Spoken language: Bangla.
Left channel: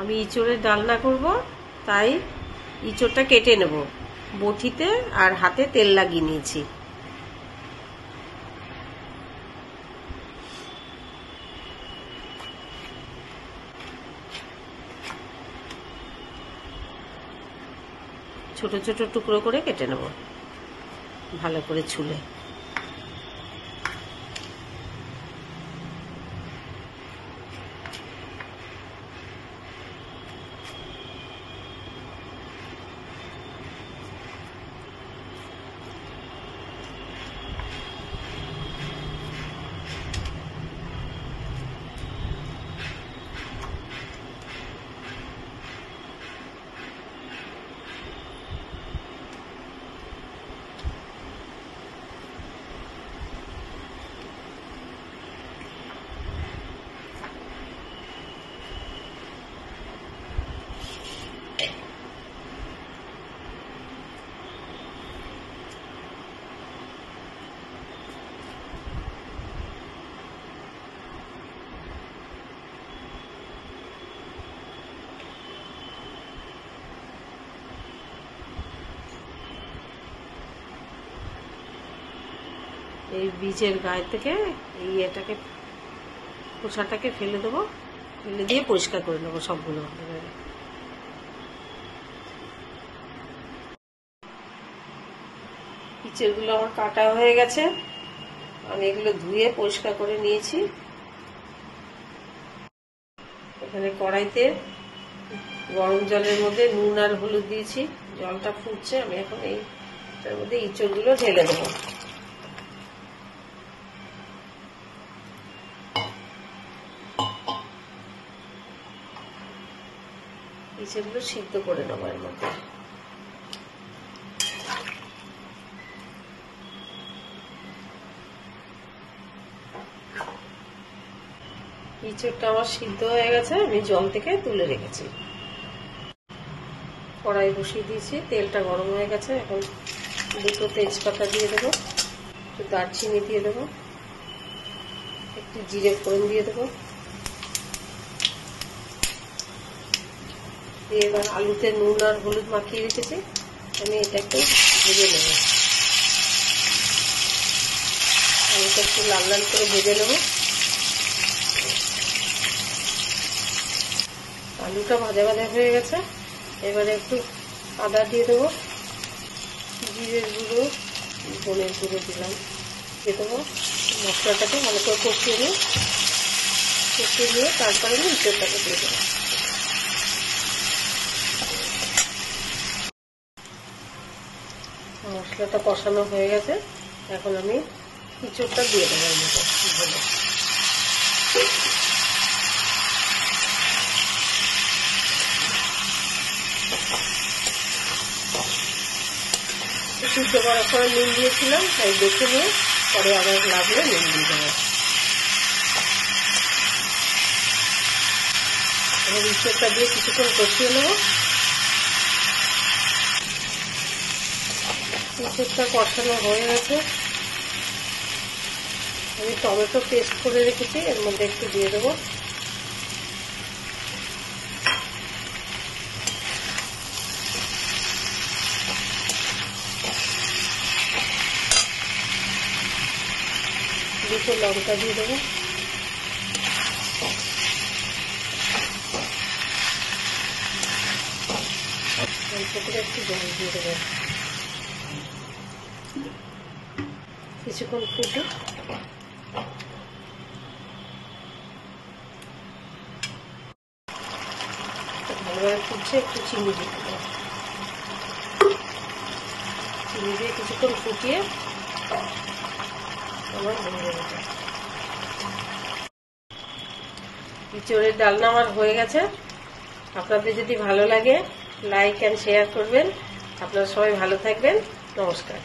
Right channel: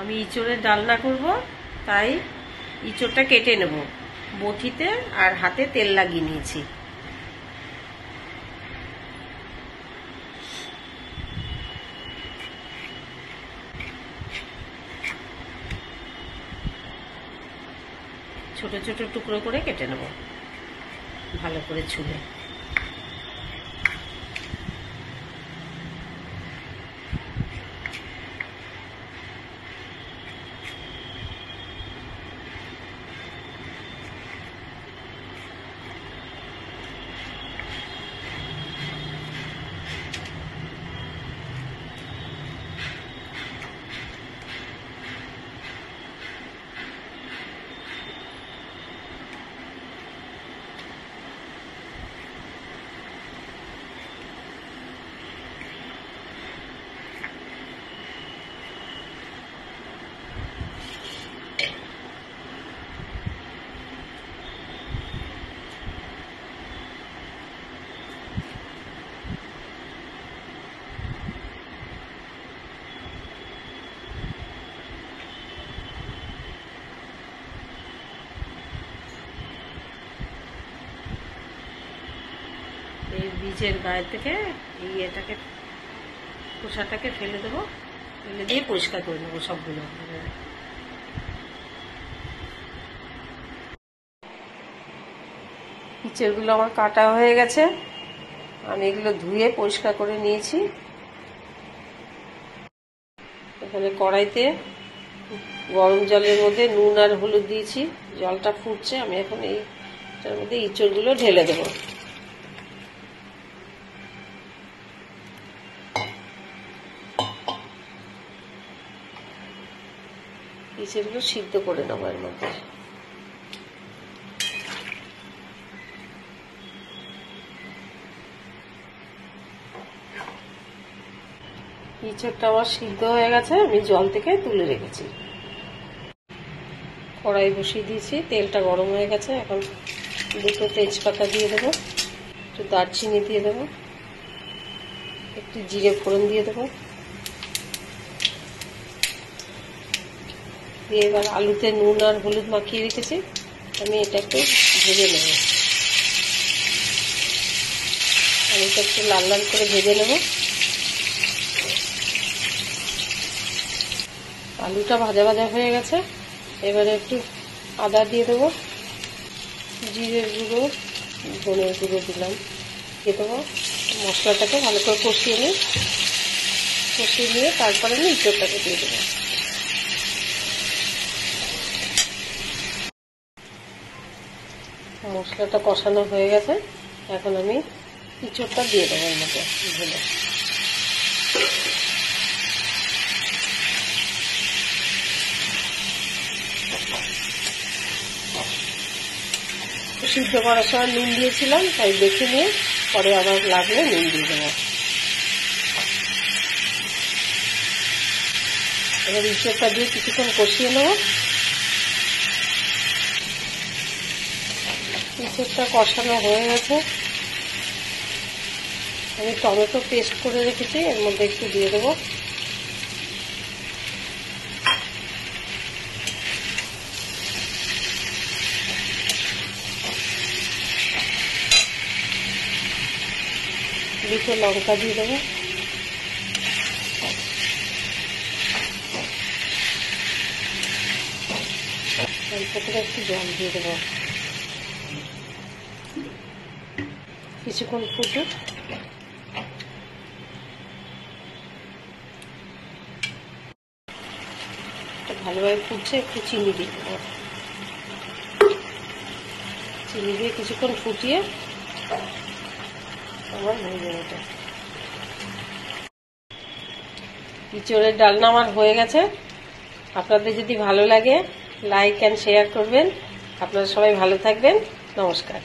আমি ইঁচড়ের ডালনা করব, তাই ইঁচড়টা কেটে নেব। বটিতে আর হাতে তেল লাগিয়ে নিয়েছি। ছোট ছোট টুকরো করে কেটে নেব, ভালো করে ছুলে। এই বীজের গায়ে থেকে এই এটাকে খোসাটাকে ফেলে দেবো, ফেলে দিয়ে পরিষ্কার করে নেবো সবগুলো। ইঁচড়গুলো আমার কাটা হয়ে গেছে, আমি এগুলো ধুয়ে পরিষ্কার করে নিয়েছি। এখানে কড়াইতে গরম জলের মধ্যে নুন আর হলুদ দিয়েছি, জলটা ফুটছে। আমি এখন এইটার মধ্যে ইঁচড়গুলো ঢেলে দেবো। ইঁচড়গুলো সিদ্ধ করে নেবো এর মধ্যে। ইঁচড়টা আমার সিদ্ধ হয়ে গেছে, আমি জল থেকে তুলে রেখেছি। কড়াই বসিয়ে দিয়েছি, তেলটা গরম হয়ে গেছে। এখন দুটো তেজপাতা দিয়ে দেবো, একটু দারচিনি দিয়ে দেবো, একটু জিরে ফোড়ন দিয়ে দেবো। দিয়ে এবার আলুতে নুন আর হলুদ মাখিয়ে রেখেছি, আমি এটা একটু ভেজে নেব। আলুটা একটু লাল লাল করে ভেজে নেব। আলুটা ভাজা ভাজা হয়ে গেছে, এবারে একটু আদা দিয়ে দেবো, জিরের গুঁড়ো, ধনের গুঁড়ো দিলাম, দিয়ে দেবো। মশলাটাকে ভালো করে কষিয়ে নিয়ে তারপরে আমি ইঁচড়টাকে দিয়ে দেবো। মশলাটা কষানো হয়ে গেছে, এখন আমি ইঁচড়টা দিয়ে দেবো এর মধ্যে ভেজে। সিদ্ধ করার সময় নুন দিয়েছিলাম, তাই দেখে নিয়ে পরে আবার লাগলে নুন দিয়ে দেবো। এবার ইঁচড়টা দিয়ে কিছুক্ষণ কষিয়ে নেব। ইঁচড়টা কষানো হয়ে গেছে, আমি টমেটো পেস্ট করে রেখেছি, এর মধ্যে একটু দিয়ে দেবো। দুটো লঙ্কা দিয়ে দেবো, অল্প করে একটু জল দিয়ে দেবো। কিছুক্ষণ ফুটুক। ভালোভাবে ফুটছে, একটু চিনি দিয়ে দেবো। চিনি দিয়ে কিছুক্ষণ ফুটিয়ে আমার হয়ে যাবে। ইঁচড়ের ডালনা আমার হয়ে গেছে। আপনাদের যদি ভালো লাগে লাইক অ্যান্ড শেয়ার করবেন। আপনারা সবাই ভালো থাকবেন। নমস্কার।